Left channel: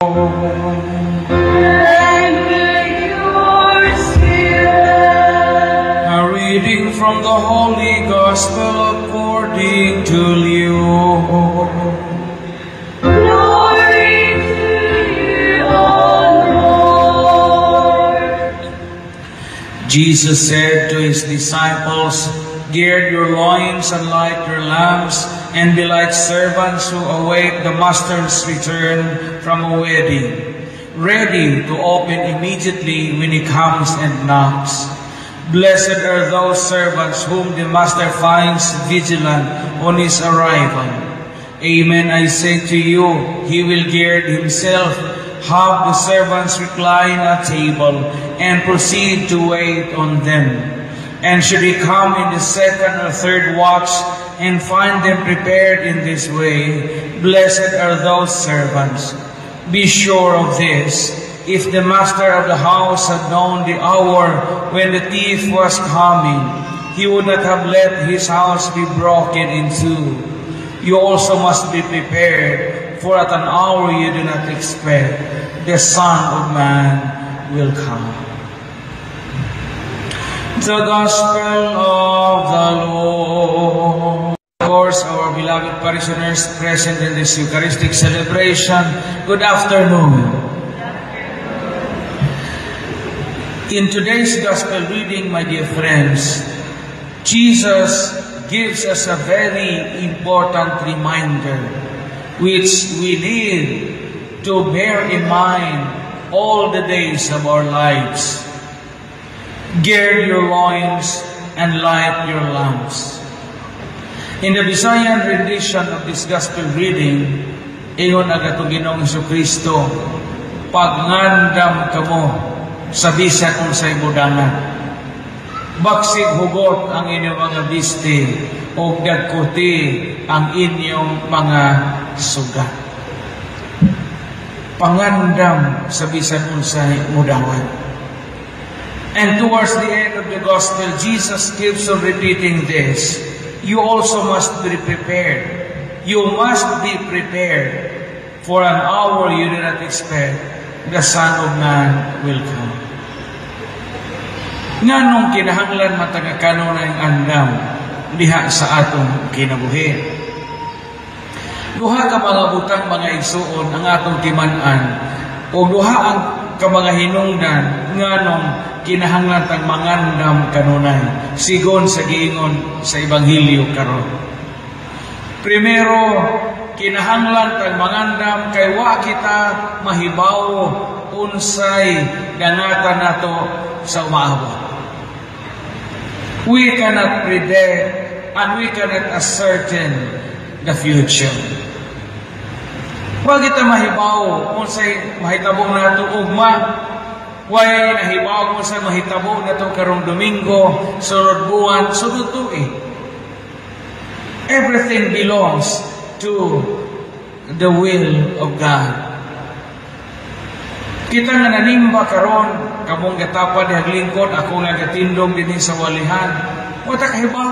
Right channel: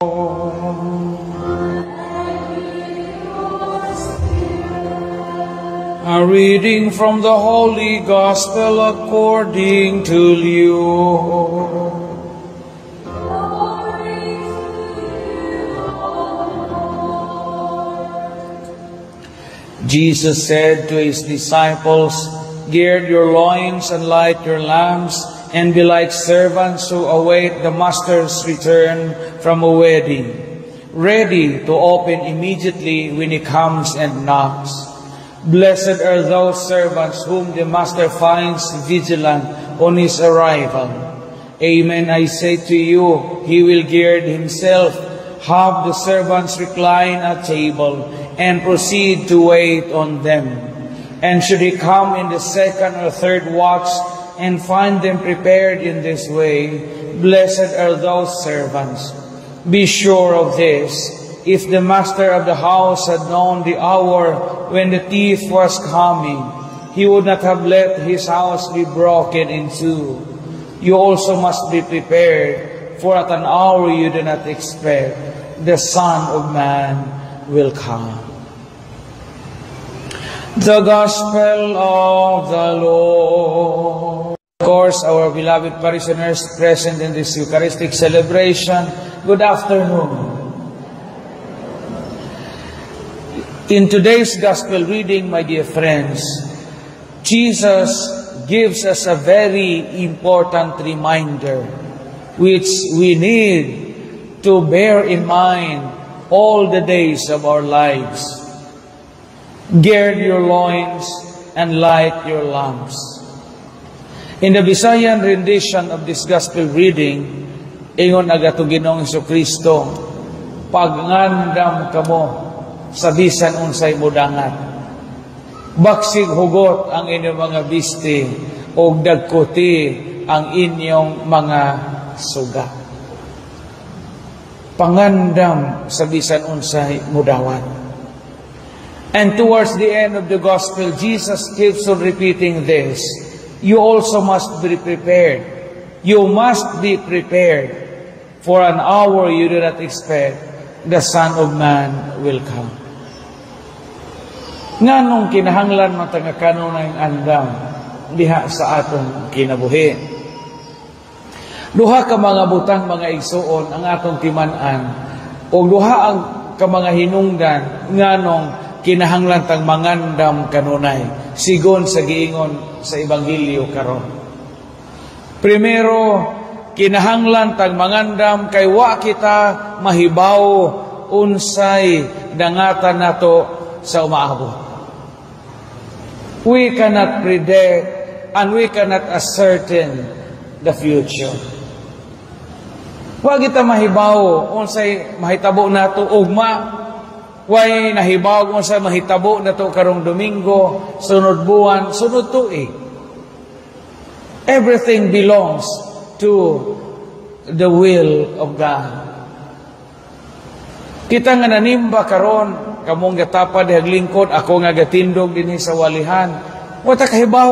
A reading from the Holy Gospel according to Luke. Glory to you, O Lord. Jesus said to his disciples, "Gird your loins and light your lamps, and be like servants who await the master's return from a wedding, ready to open immediately when he comes and knocks. Blessed are those servants whom the master finds vigilant on his arrival. Amen, I say to you, he will gird himself, have the servants recline at table, and proceed to wait on them. And should he come in the second or third watch and find them prepared in this way, blessed are those servants. Be sure of this, if the master of the house had known the hour when the thief was coming, he would not have let his house be broken in two. You also must be prepared, for at an hour you do not expect, the Son of Man will come." The Gospel of the Lord. Of course, our beloved parishioners present in this Eucharistic celebration, good afternoon. In today's Gospel reading, my dear friends, Jesus gives us a very important reminder which we need to bear in mind all the days of our lives. Gird your loins and light your lamps. In the Visayan rendition of this Gospel reading, ingon aga to Ginoong Jesucristo, "Pagngandam kamo sa bisan unsay mudangan. Baksig hugot ang inyong mga bisti, o dagkuti ang inyong mga sugat." Pangandam sa bisan unsay mudangan. And towards the end of the Gospel, Jesus keeps on repeating this. You also must be prepared. You must be prepared. For an hour you do not expect, the Son of Man will come. Nganong kinahanglan matag kanunay ang andam diha sa atong kinabuhi. Duha ka mga butang mga igsuon ang atong timan-an, o duha ang ka mga hinungdan nganong kinahanglan tang mangandam kanunay sigon sa giingon sa ebanghelyo karon. Primero, kinahanglan tang mangandam kay wa kita mahibaw unsay dangatan nato sa umaabot. We cannot predict and we cannot ascertain the future. Wa kita mahibaw unsay mahitabo nato ugma. Way nahibaw mo sa mahitabo na to karong Domingo, sunod buwan, sunod tuig. Everything belongs to the will of God. Kita nga nanimba karon, kamong gatapad haglingkod, ako nga gatindog dinhi sa walihan. Wata kahibaw.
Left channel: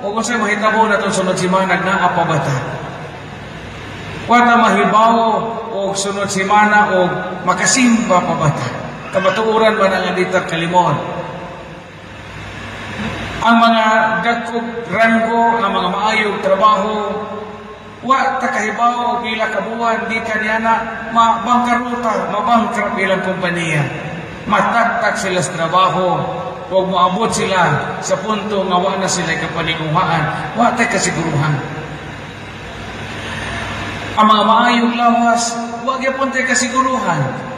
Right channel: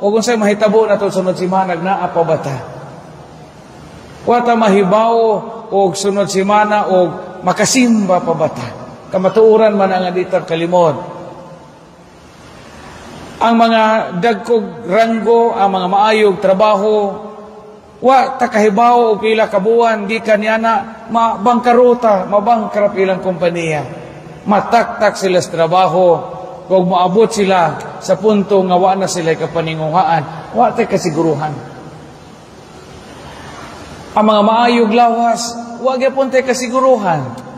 O kung sa'y mahitabo na to sunod simanag na apabata. Wata mahibaw o sunod simana o makasimba pabata. Kamatuuran man ang aditag kalimot. Ang mga dagkog ranggo, ang mga maayog trabaho, wa takahibaw o pila kabuan, di kanyana mabangkaruta, mabangkrap ilang kompanya. Mataktak sila sa trabaho, kung maabot sila sa punto nga wa na sila kapaninguhaan, wa tay kasiguruhan. Ang mga maayog lawas, wa gyapon tay kasiguruhan.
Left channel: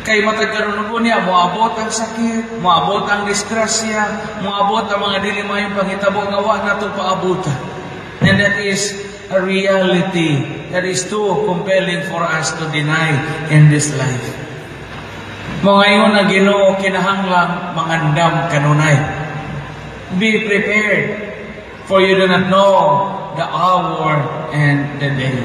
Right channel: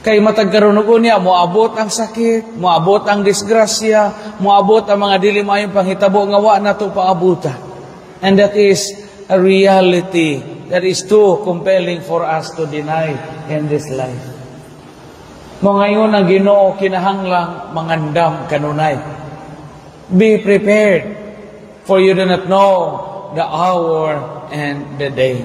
Kay matagkaroon niya, moabot ang sakit, moabot ang disgrasya, moabot ang mga dili mayong panghitabo nga wa na ito paabuta. And that is a reality that is too compelling for us to deny in this life. Ngayon ang Ginoo kinahanglang mangandam kanunay. Be prepared, for you do not know the hour and the day.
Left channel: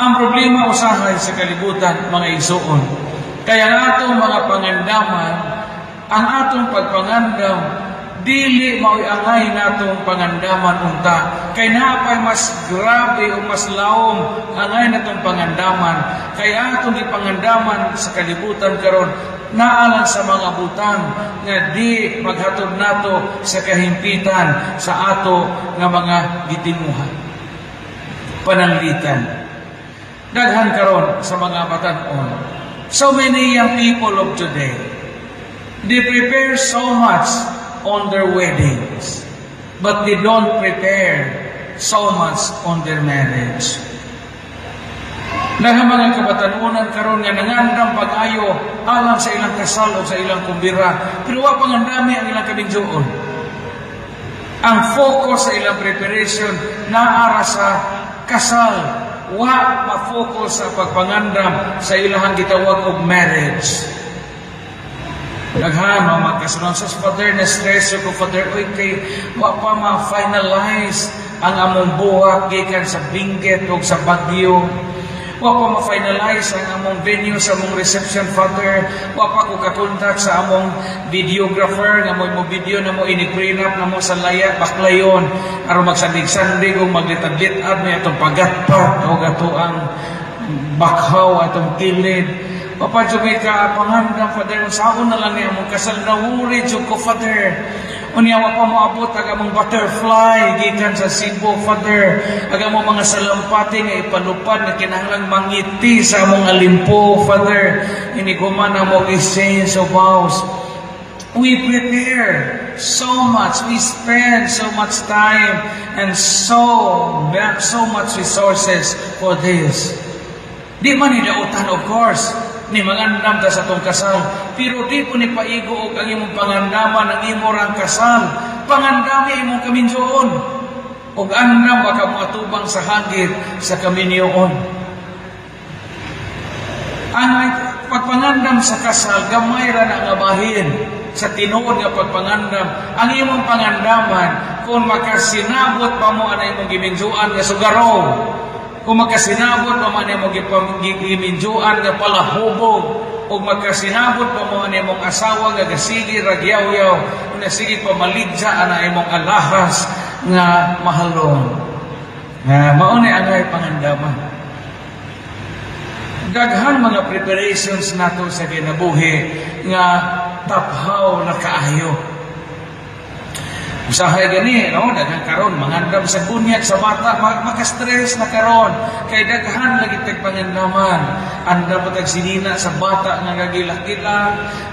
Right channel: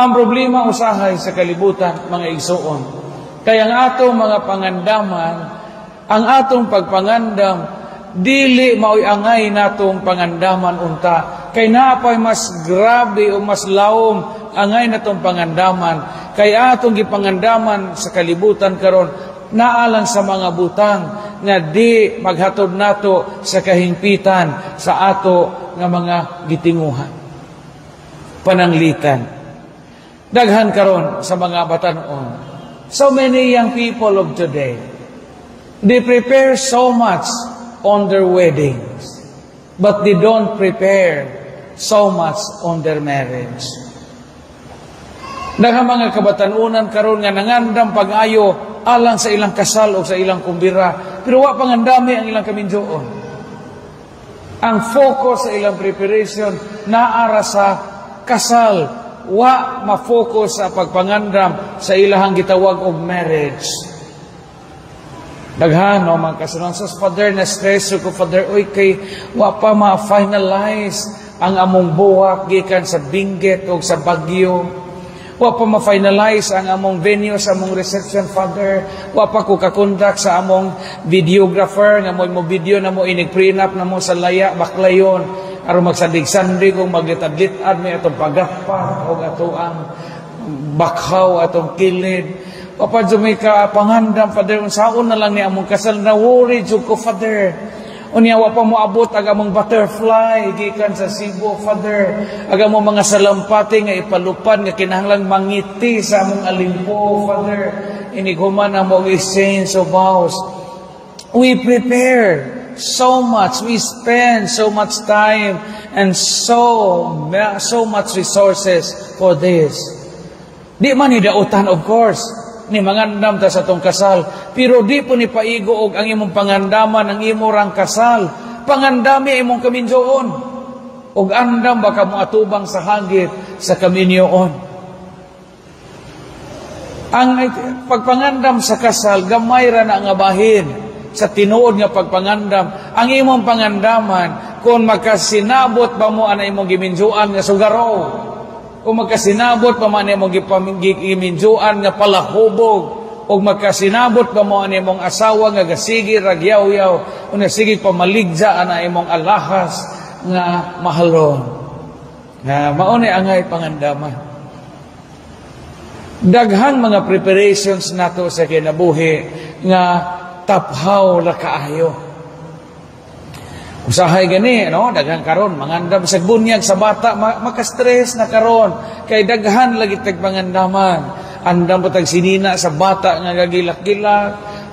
Ang problema usahay sa kalibutan, mga igsoon, kaya ang atong mga pangandaman, ang atong pagpangandam, dili mao'y angay natong pangandaman unta. Kay napay mas grabe o mas lawom angay natong pangandaman. Kay atong gipangandaman sa kalibutan karon naalang sa mga butang nga di maghatod nato sa kahimpitan sa ato nga mga gitinguhan. Pananglitan. Daghan karon sa mga batan-on. So many young people of today, they prepare so much on their weddings, but they don't prepare so much on their marriage. Dahil mga kabatanunan karon nga nangandam pag-ayo alang sa ilang kasal o sa ilang kumbira, pero wa pangandami ang ilang kaminjoon. Ang focus sa ilang preparation naara sa kasal, wa ma-focus sa pagpangandam sa ilahang gitawag og marriage. Daghan o mga kasunod Father, na stress ko Father, oy kay wa pa ma-finalize ang among buwak gikan sa Benguet o sa Baguio. Wa pa ma-finalize ang among venue sa among reception, Father. Wa pa ko kakontak sa among videographer nga mo video na mo ini-prenup na mo sa laya, baklayon, aron magsandig-sandig o maglitad-litad na itong pagatpat o gatuang bakhaw atong kilid. Wa pa ka pangandam, Father. Saon na lang niya among kasal na wuri jud ko, Father. Unya wa pa moabot ang among butterfly gikan sa Cebu, Father. Ang among mga salampati nga ipalupad nga kinahanglang mangiti sa among alimpo, Father. Iniguman among exchange of vows. We prepare so much, we spend so much time and so much resources for this. Di man idautan, of course, ni mangandam ta sa tong kasal, pero di po ni paigo og ang imong pangandaman ang imong kasal. Pangandami imong kaminjoon og andam baka mo atubang sa hagit sa kaminyoon. Ang pagpangandam sa kasal gamay ra na nga bahin sa tinuod nga pagpangandam. Ang imong pangandaman kung makasinabot ba mo ana imong giminjoan nga sugarog, kung makasinabot pa man imong giminjuan nga palahubog, o makasinabot pa mo ang imong asawa nga gasigir ragyaw-yaw, o nasigit pa maligja ana imong alahas nga mahalon. Na maunay angay pangandaman. Daghan mga preparations nato sa kinabuhi nga taphaw na kaayo. Usahay gani, no? Daghan karon mangandam sa bunyag sa bata, maka-stress na karon kay daghan lagi tag pangandaman. Andam po tag sinina sa bata nga gagilak-gila,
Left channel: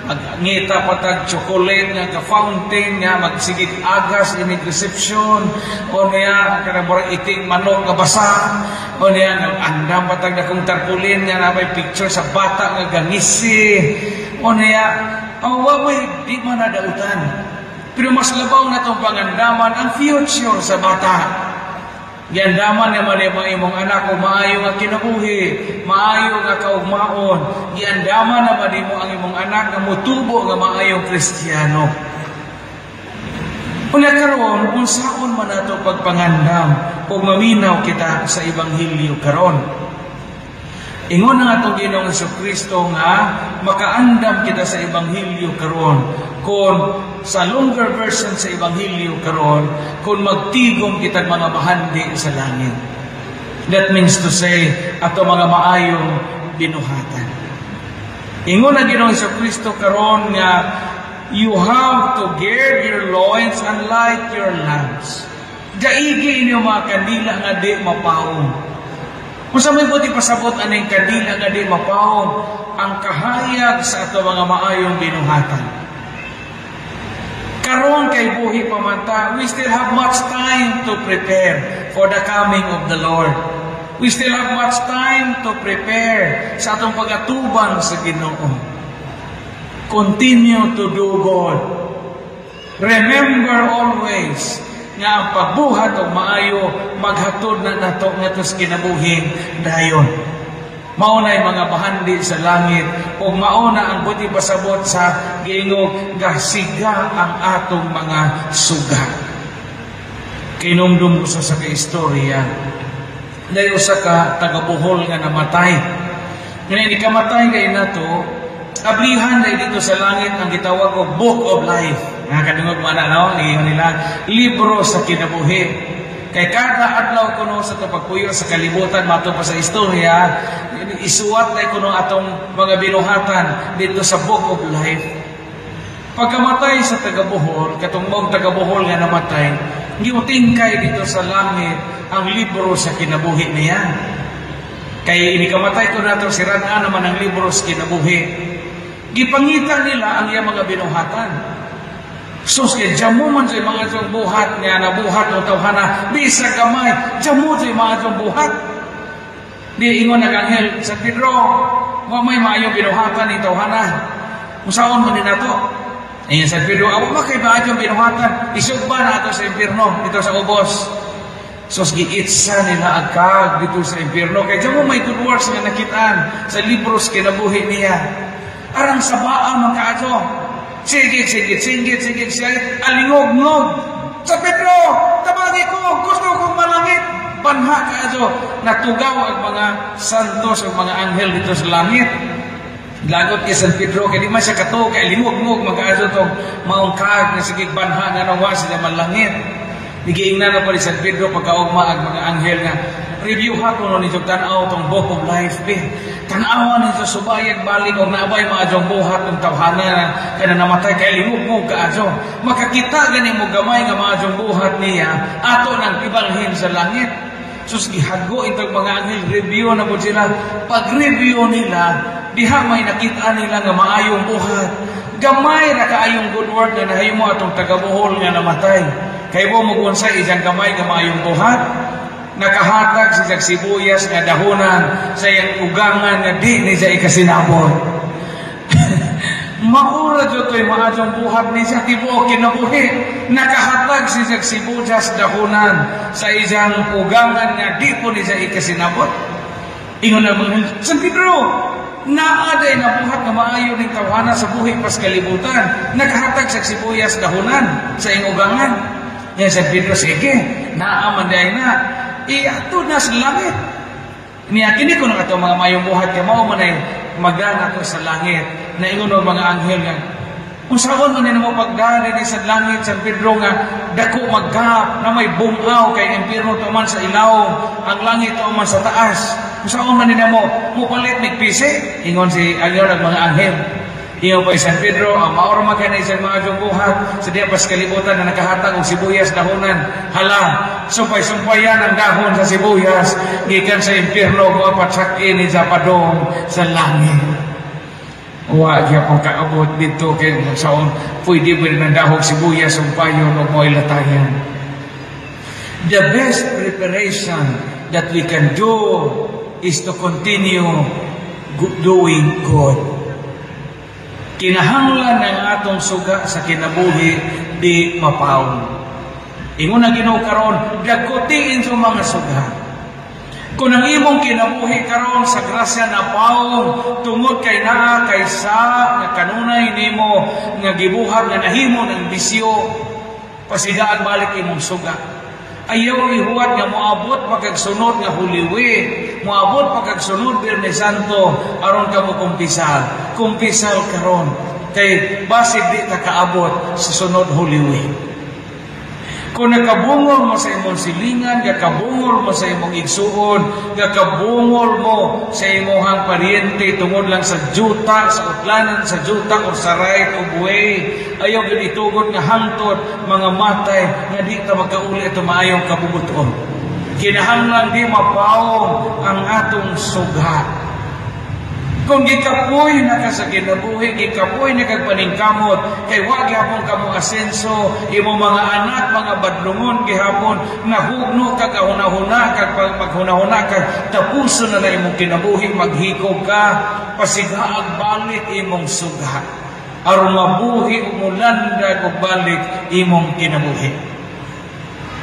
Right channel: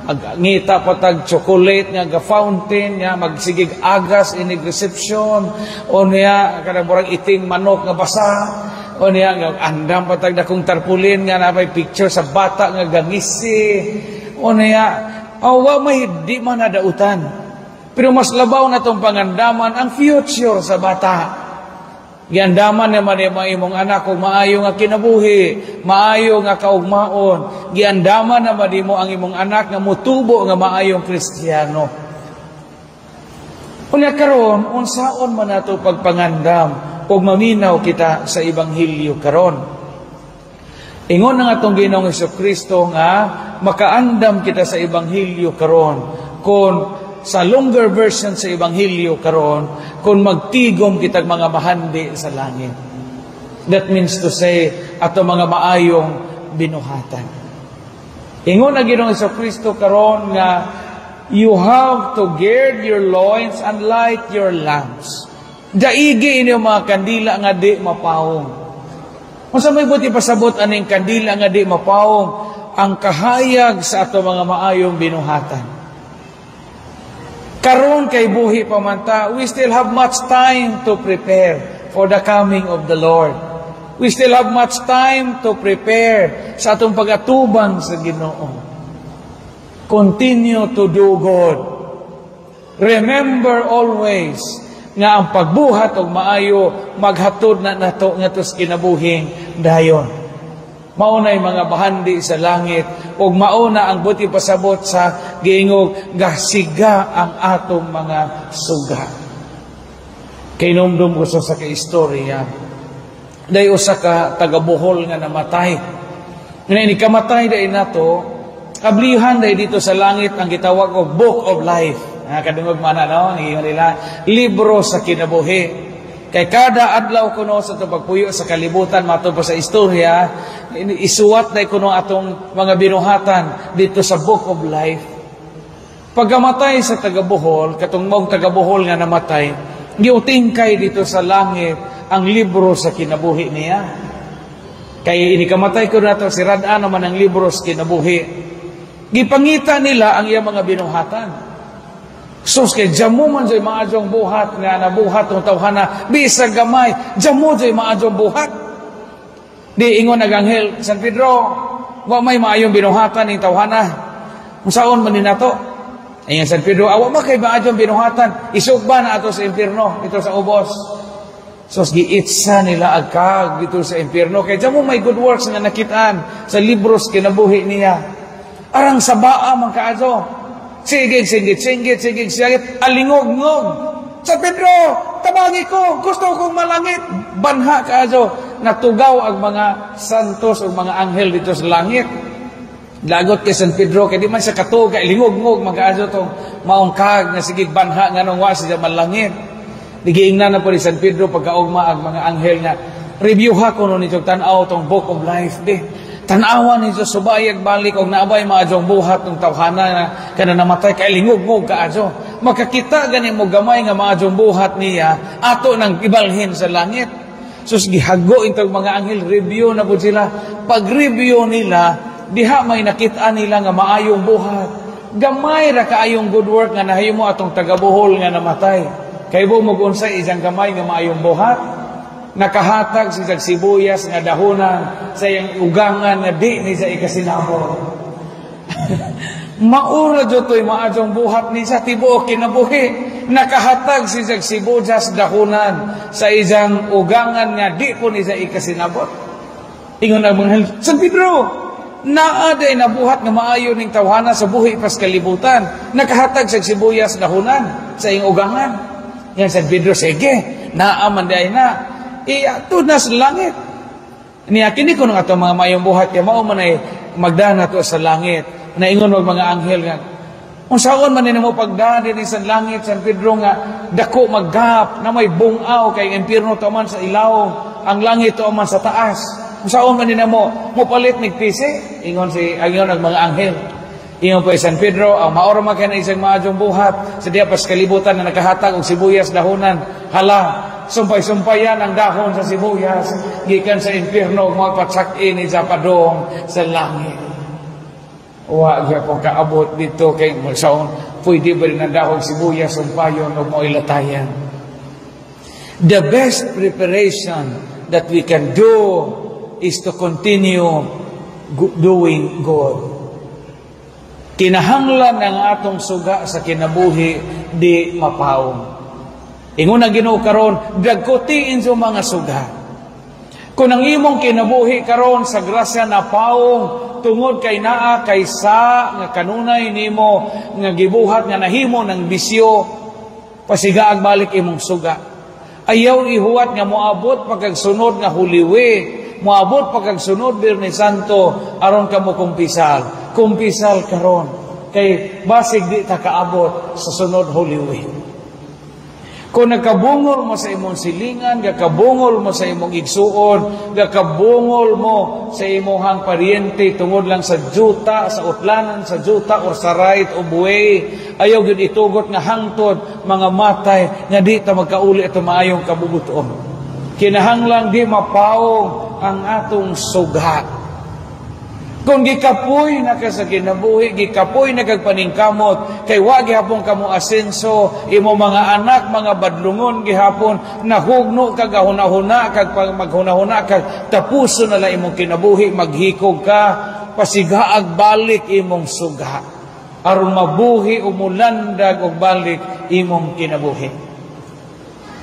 magngita pa tag chocolate nga ga-fountain nga magsigig agas ini reception, o niya kada murag iting manok nga basa, o niya andam pa tag dakong tarpaulin nga napay picture sa bata nga ganisi, o niya awa may di man nadautan. Pero mas labaw na itong pangandaman ang future sa bata. Giandaman naman yung imong anak kung maayo nga kinabuhi, maayo nga kaugmaon. Giandaman naman mo ang imong anak nga mutubo nga maayo Kristiyano. Una karon, unsaon man nato pagpangandam kung maminaw kita sa Ebanghelyo karon. Ingon nga itong Ginoong Jesucristo nga makaandam kita sa Ebanghelyo karon kung sa longer version sa Ebanghelyo karon kung magtigom kitag mga mahandi sa langit. That means to say, ato mga maayong binuhatan. Ingon na Ginoong Jesucristo karon nga you have to gird your loins and light your lamps. Daigi inyo mga kandila nga di mapawong. Kung sa may buti pasabot aning kandila nga di mapawong, ang kahayag sa ato mga maayong binuhatan. Karon kay buhi pamanta, we still have much time to prepare for the coming of the Lord. We still have much time to prepare sa atong pagatubang sa Ginoo. Continue to do good. Remember always nga ang pagbuhat og maayo maghatod na nato ngadto sa kinabuhing dayon. Maunay mga bahandi sa langit ug mauna ang buti pasabot sa giingog gasiga ang atong mga suga. Kay numdum usa sa kaistorya, day usa ka taga-Bohol nga namatay. Ngayon ikamatay day nato, ablihan day dito sa langit ang gitawag og Book of Life. Nga kadungog mana no, ingon nila, libro sa kinabuhi. Kay kada adlaw kuno sa pagpuyo sa kalibutan matupad sa istorya, isuwat na kuno atong mga binuhatan dito sa Book of Life. Pagkamatay sa taga-Bohol, katong mong taga-Bohol nga namatay, giutingkay dito sa langit ang libro sa kinabuhi niya. Kaya inikamatay ko nato si Radaan naman ang libro sa kinabuhi. Gipangita nila ang iyang mga binuhatan. Sus kay jamo man joy mga jong buhat nga nabuhat o tawhana bisag gamay jamo joy mga jong buhat. Di ingon naganghel San Pedro wa may maayong binuhatan ning tawhana. Musaon man ni nato? Ayan San Pedro awa makay maayong binuhatan isugban ato sa impierno dito sa ubos. Sus giitsa nila agkag dito sa impierno kay jamo may good works nga nakitaan sa libros kinabuhi niya. Arang sabaa man kaadto. Sige, alingog-ngog. Sa Pedro, tabangi ko, gusto kong malangit. Banha ka aso, natugaw ang mga santos o mga anghel dito sa langit. Lagot kay San Pedro, kaya di man siya katuga, alingog-ngog, mag-aso itong maungkag na sige banha nga nang wasi sa malangit. Nagiingnan ako ni San Pedro pagkaugma ang mga anghel na review ha ko nito tanaw tong Book of Life be. Tanawa nito subayag balik og naabay maadjong buhat ng tawhana nga kana namatay kay lingog-ngog kaadyo. Makakita gani mo gamay nga maadjong buhat niya ato nang ibalhin sa langit. Sus gihago itong mga anghel review na pud sila. Pag-review nila diha may nakita nila nga maayong buhat. Gamay ra kaayong good work nga nahimo atong taga-Bohol nga namatay. Kay mo mugunsay ijang gamay nga maayong buhat. Nakahatag sa sibuyas nga dahonan sa iyang ugangan nga di ni sa ikasinabot. Maura jo to'y maadjong buhat ni sa tibuok kinabuhi. Nakahatag sa sibuyas dahonan sa iyang ugangan nga di po ni sa ikasinabot. Ingon na mga San Pedro, naaday na buhat nga maayo ning tawhana sa buhi pas kalibutan. Nakahatag sa sibuyas dahonan sa iyang ugangan. Yan San Pedro, sige, naamanday na. Ato na sa langit. Niyakini ko na ito mga mayong buhat kaya mao man ay magdana ko sa langit na ingon ng mga anghel nga. Masaon man nila mo pagdali ni sa langit San Pedro nga dako maggap na may bungaw kay impierno to man sa ilaw ang langit to man sa taas. Masaon man nila mo palit nigpisi ingon si agyon ng mga anghel. Ingon pa San Pedro, maoro magkanisin maadjong buhat sa diya pas kalibutan na nakahatag og sibuyas dahonan. Hala, sumpay-sumpayan ang dahon sa sibuyas gikan sa impierno mo patsak-in sa padong sa langit. Wa kaya kung kaabot dito kay saon pwede ba rin ang dahon sibuyas sumpayon o mo'y latayan. The best preparation that we can do is to continue doing good. Kinahanglan ng atong suga sa kinabuhi di mapaon. Ingon na Ginoo karon, dagkutiin sa mga suga. Kung ang imong kinabuhi karon sa grasya na paong tungod kay naa kaysa nga kanunay nimo nga gibuhat nga nahimo ng bisyo, pasigaag balik imong suga. Ayaw ihuwat nga moabot pagkagsunod nga huliwi, moabot pagkagsunod Biyernes Santo aron ka mo kumpisal karon kay basig di ta kaabot sa sunod huliwi. Kung nakabungol mo sa imong silingan, nakabungol mo sa imong igsuon, nakabungol mo sa imong paryente tungod lang sa juta, sa utlanan, sa juta o sa right o buhay, ayaw gud itugot nga hangtod mga matay nga di ta magkauli ato maayong kabubuton. Kinahanglan di mapawong ang atong sugat. Kung gikapoy na ka sa kinabuhi, gikapoy na kagpaningkamot, kay wag gihapon kamo asenso, imo mga anak, mga badlungon gihapon, nahugno kag hunahuna, kag maghunahuna, kag tapuso na lang imong kinabuhi, maghikog ka, pasigaag balik imong suga. Aron mabuhi umulandag og balik imong kinabuhi.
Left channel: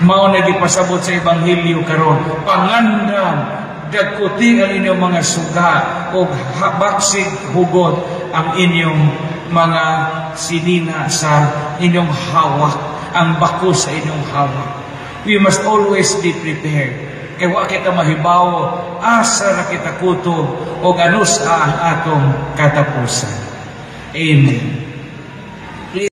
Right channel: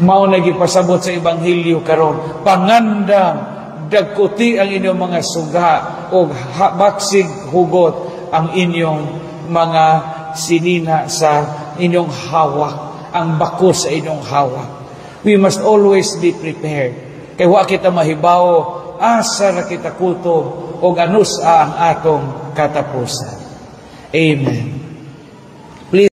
Mao na gipasabot sa Ebanghelyo karon, pangandam dagkuti ang inyong mga suga o baksig hugot ang inyong mga sinina sa inyong hawak, ang bako sa inyong hawak. We must always be prepared. Kaya wa kita mahibaw, asa na kita kutob o ganus ang atong katapusan. Amen.